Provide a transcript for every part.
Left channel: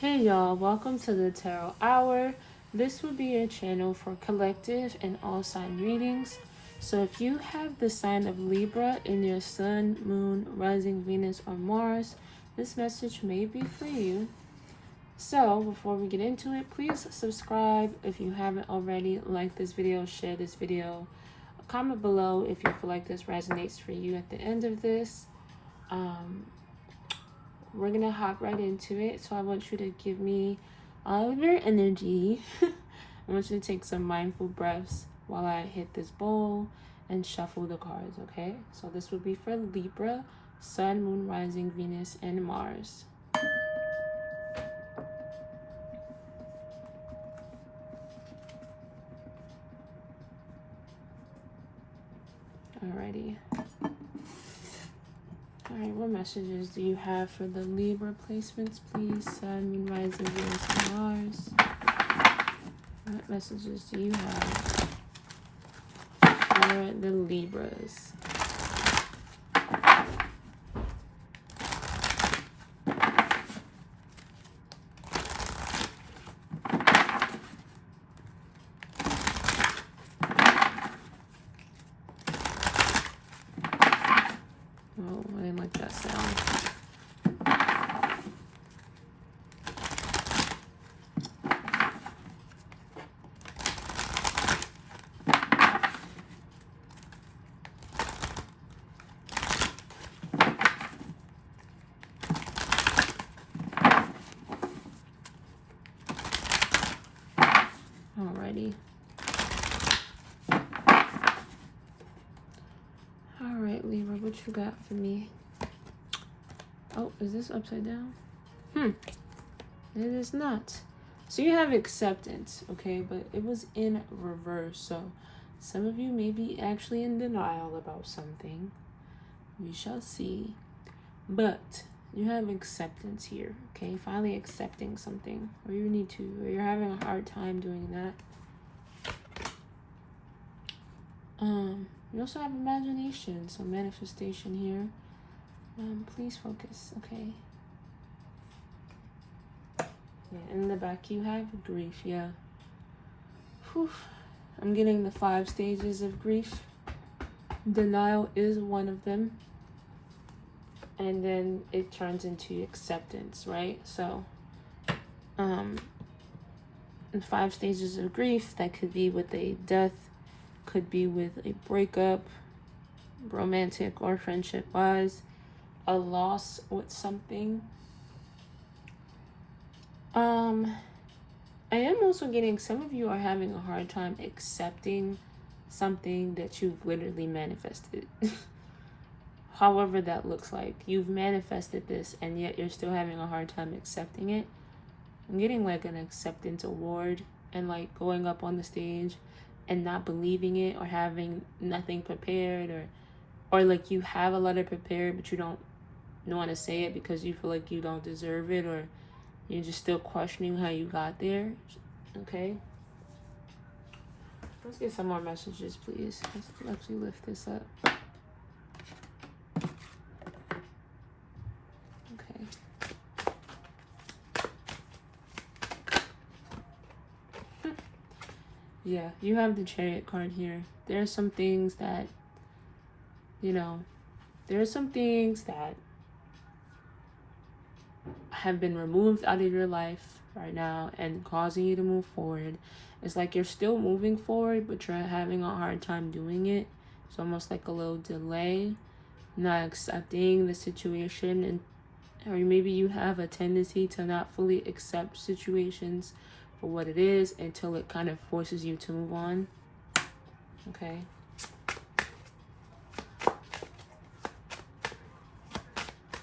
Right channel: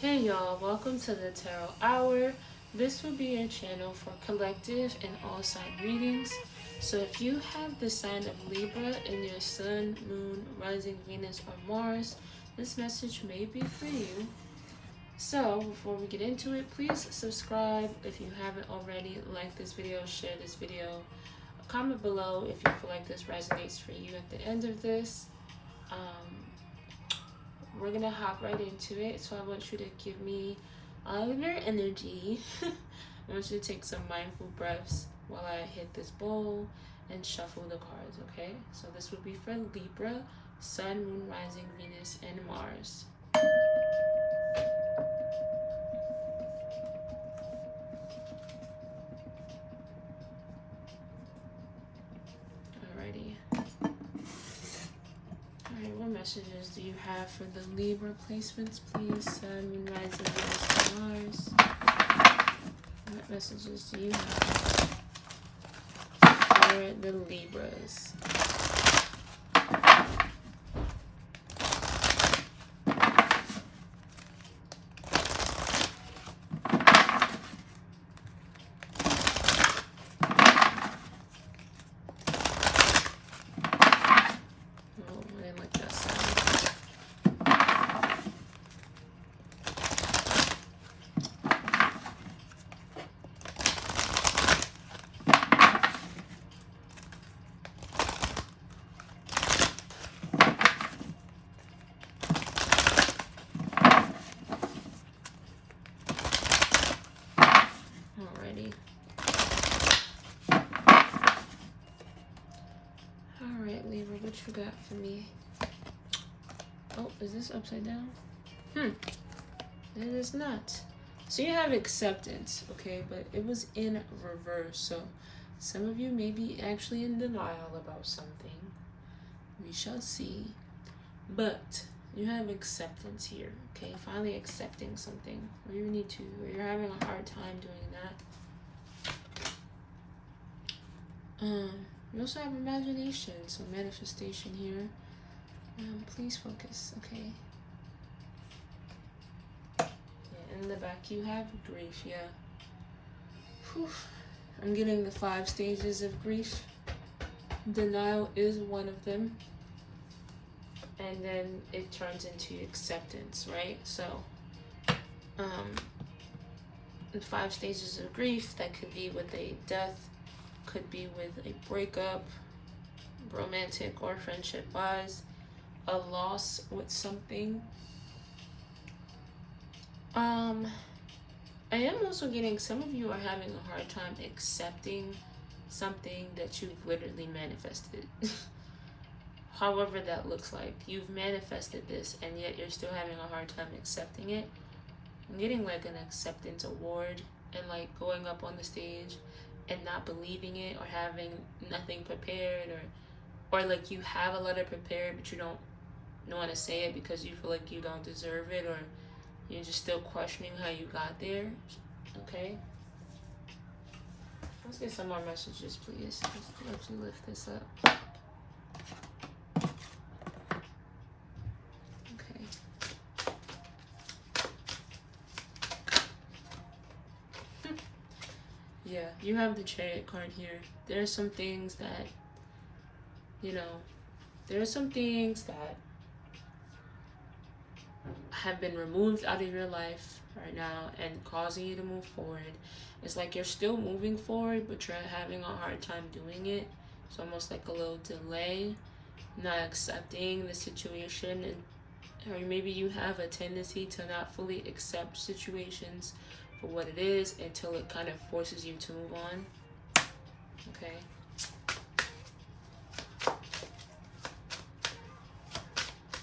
Hey y'all, welcome to the Tarot Hour. This will be your channel for collective and all sign readings. So if you have the sign of Libra in your sun, moon, rising Venus, or Mars, this message may be for you. So before we get into it, please subscribe if you haven't already, like this video, share this video, comment below if you feel like this resonates for you at the end of this. We're gonna hop right into it. So I want you to give me all of your energy. I want you to take some mindful breaths while I hit this bowl and shuffle the cards, okay? So this would be for Libra, Sun, Moon, Rising, Venus, and Mars. Alrighty. Alright, what messages do you have for the Libra placements, please? Sun, Moon, Rising, Venus, and Mars. What messages do you have for the Libras? Oh, I didn't like that sound. Alrighty. Alright, Libra, what you got for me? Oh, is this upside down? It is not. So you have acceptance, okay? But it was in reverse. So some of you may be actually in denial about something. We shall see. But you have acceptance here, okay? Finally accepting something where you need to, where you're having a hard time doing that. You also have imagination, so manifestation here. Please focus, okay? Yeah, in the back you have grief, yeah. Whew. I'm getting the 5 stages of grief. Denial is one of them. And then it turns into acceptance, right? So, in 5 stages of grief, that could be with a death, could be with a breakup, romantic or friendship wise, a loss with something. I am also getting some of you are having a hard time accepting something that you've literally manifested. However that looks like. You've manifested this and yet you're still having a hard time accepting it. I'm getting like an acceptance award and like going up on the stage and not believing it or having nothing prepared, or like you have a letter prepared but you don't want to say it because you feel like you don't deserve it, or you're just still questioning how you got there. Okay, let's get some more messages, please. Let's actually lift this up. Okay. Yeah, you have the Chariot card here. There are some things that, there are some things that have been removed out of your life right now and causing you to move forward. It's like you're still moving forward, but you're having a hard time doing it. It's almost like a little delay, not accepting the situation, and or maybe you have a tendency to not fully accept situations for what it is until it kind of forces you to move on. Okay.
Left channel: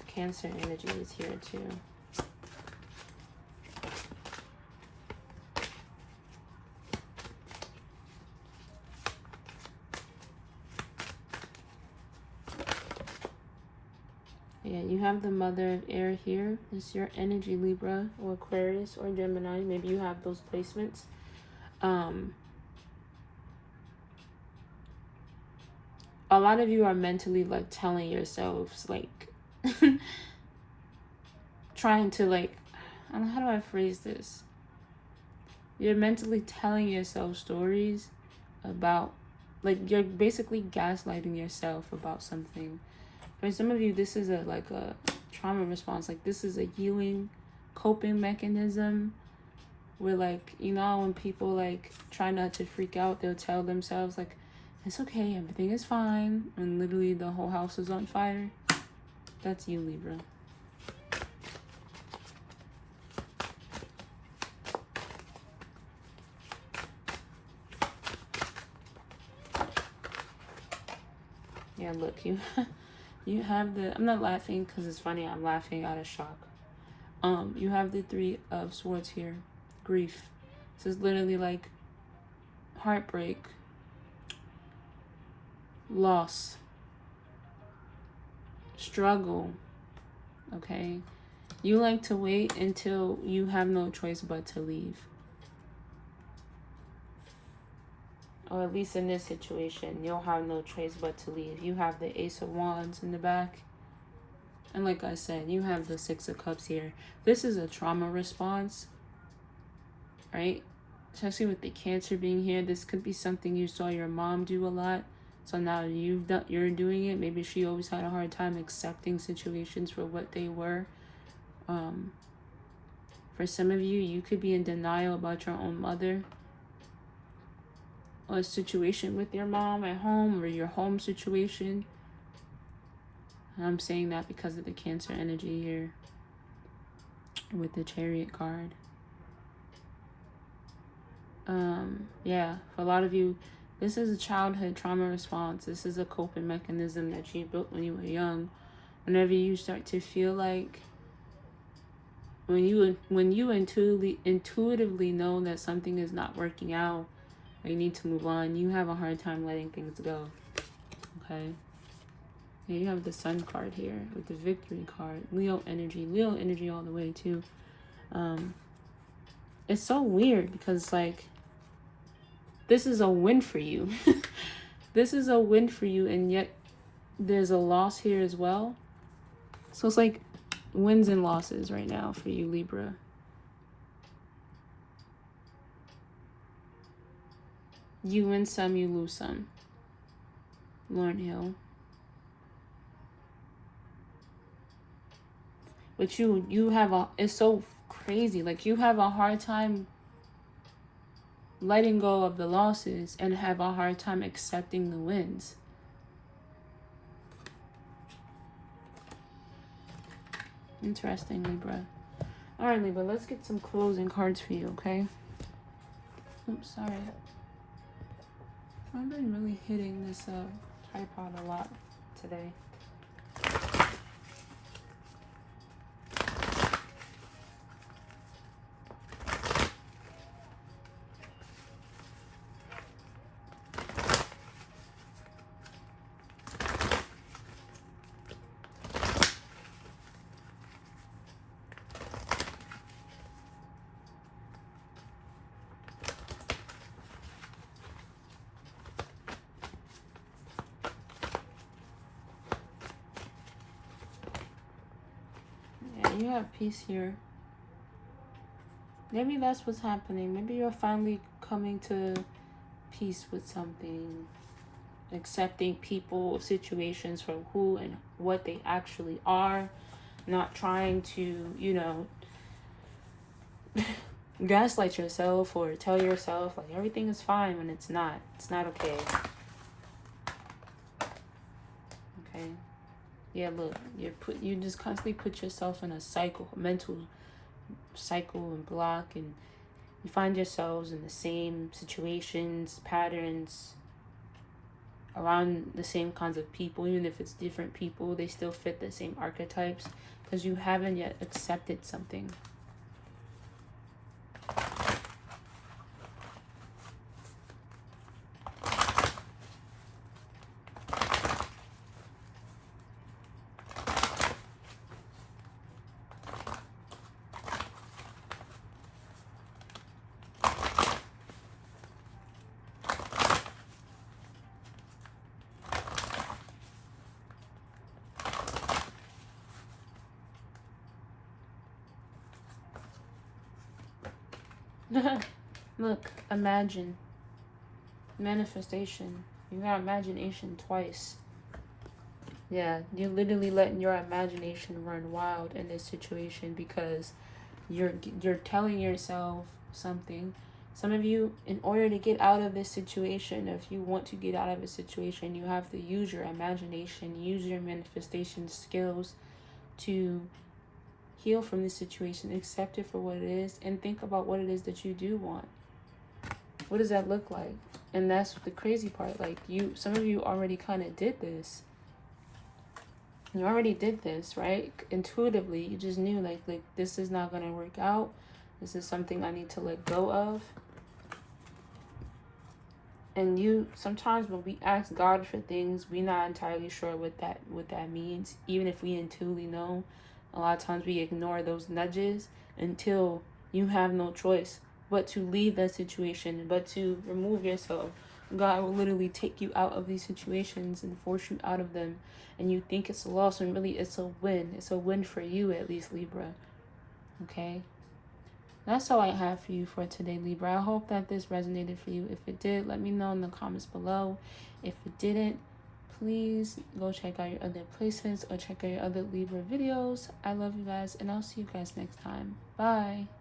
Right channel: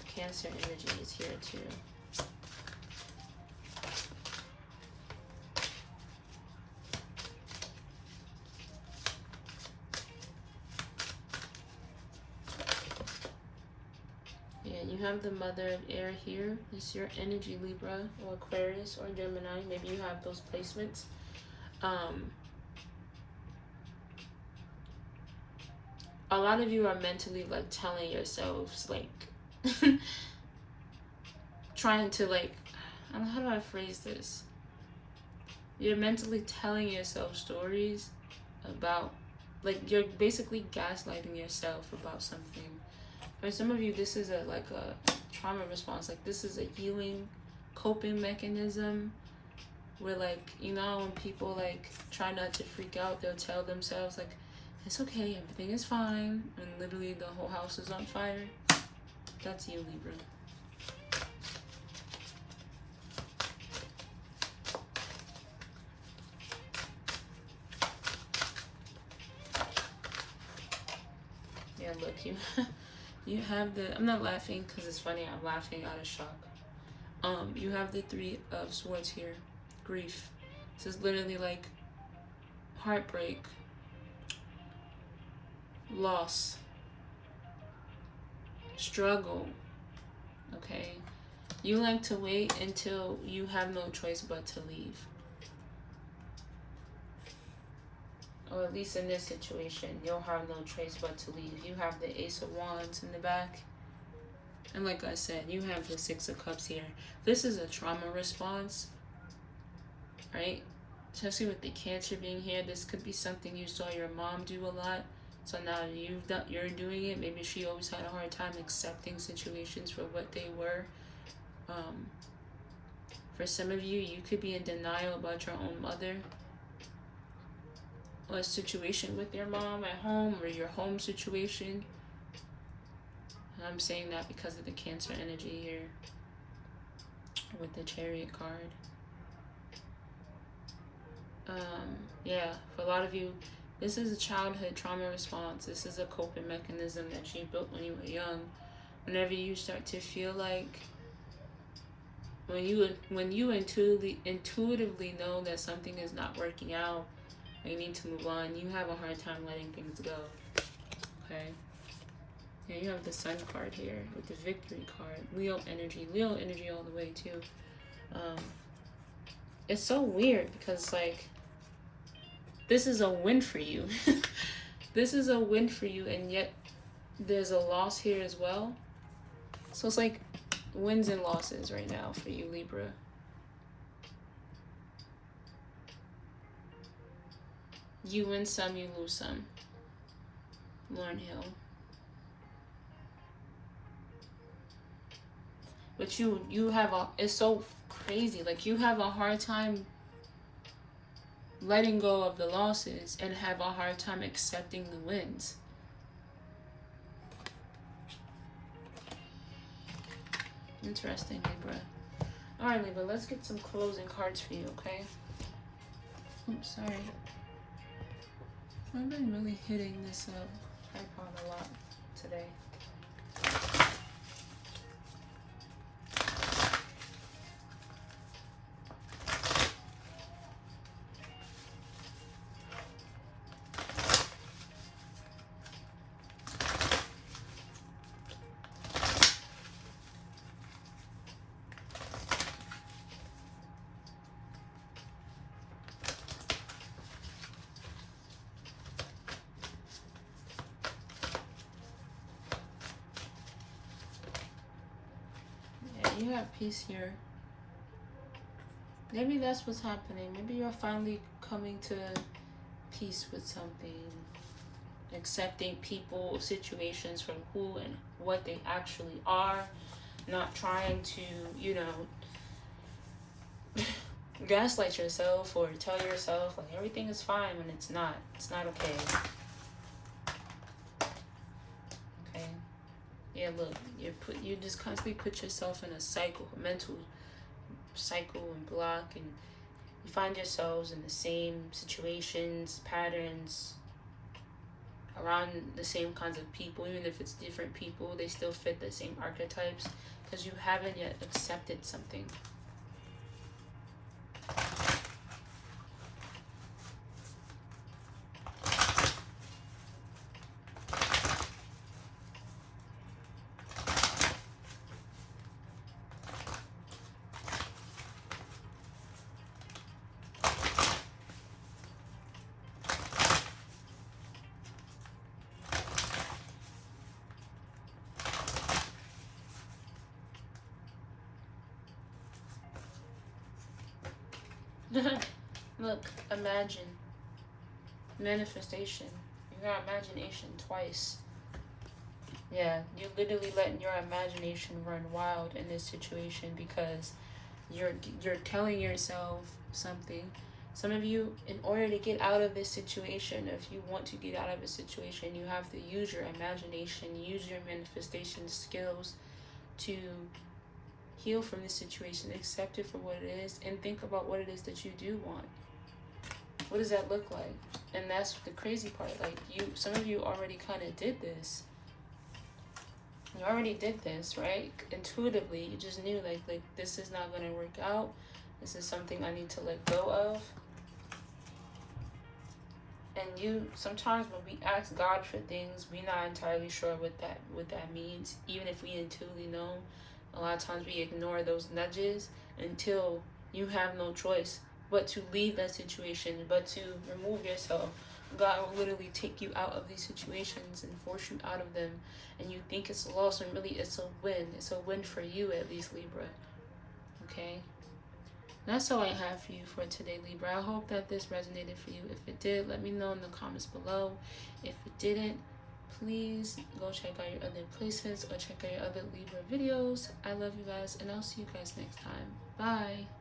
Cancer energy is here too. Yeah, you have the Mother of Air here. It's your energy, Libra or Aquarius or Gemini. Maybe you have those placements. A lot of you are mentally like telling yourselves like trying to like how do I phrase this? You're mentally telling yourself stories about, like, you're basically gaslighting yourself about something. For some of you, this is a trauma response. Like, this is a healing coping mechanism where, like, you know, when people, like, try not to freak out, they'll tell themselves, like, it's okay, everything is fine, and literally the whole house is on fire. That's you, Libra. Yeah, look, you have the, I'm not laughing because it's funny, I'm laughing out of shock. You have the Three of Swords here. Grief. This is literally like heartbreak, loss, struggle, okay? You like to wait until you have no choice but to leave. Or at least in this situation, you'll have no choice but to leave. You have the Ace of Wands in the back. And like I said, you have the Six of Cups here. This is a trauma response, right? Especially with the Cancer being here. This could be something you saw your mom do a lot. So now you're doing it. Maybe she always had a hard time accepting situations for what they were. For some of you, you could be in denial about your own mother. Or a situation with your mom at home, or your home situation. And I'm saying that because of the Cancer energy here with the Chariot card. Yeah, for a lot of you, this is a childhood trauma response. This is a coping mechanism that you built when you were young. Whenever you start to feel like, when you intuitively know that something is not working out, or you need to move on, you have a hard time letting things go. Okay. Yeah, you have the Sun card here with the Victory card. Leo energy all the way too. It's so weird because, like, this is a win for you. This is a win for you, and yet there's a loss here as well. So it's like wins and losses right now for you, Libra. You win some, you lose some. Lauren Hill. But you have it's so crazy. Like, you have a hard time letting go of the losses and have a hard time accepting the wins. Interesting, Libra. Alright, Libra, let's get some closing cards for you, okay? Oops, sorry. I've been really hitting this tripod a lot today. You have peace here. Maybe that's what's happening. Maybe you're finally coming to peace with something. Accepting people, situations for who and what they actually are. Not trying to, you know, gaslight yourself or tell yourself like everything is fine when it's not. It's not okay. Yeah, look, you just constantly put yourself in a cycle, a mental cycle and block, and you find yourselves in the same situations, patterns, around the same kinds of people. Even if it's different people, they still fit the same archetypes because you haven't yet accepted something. Look, imagine. Manifestation. You got imagination twice. Yeah, you're literally letting your imagination run wild in this situation because you're telling yourself something. Some of you, in order to get out of this situation, if you want to get out of a situation, you have to use your imagination, use your manifestation skills to heal from this situation, accept it for what it is, and think about what it is that you do want. What does that look like? And that's the crazy part. Like, some of you already kind of did this. You already did this, right? Intuitively, you just knew, like this is not gonna work out. This is something I need to let go of. And sometimes when we ask God for things, we're not entirely sure what that means. Even if we intuitively know, a lot of times we ignore those nudges until you have no choice but to leave that situation, but to remove yourself. God will literally take you out of these situations and force you out of them. And you think it's a loss, and really it's a win. It's a win for you, at least, Libra. Okay? That's all I have for you for today, Libra. I hope that this resonated for you. If it did, let me know in the comments below. If it didn't, please go check out your other placements or check out your other Libra videos. I love you guys, and I'll see you guys next time. Bye.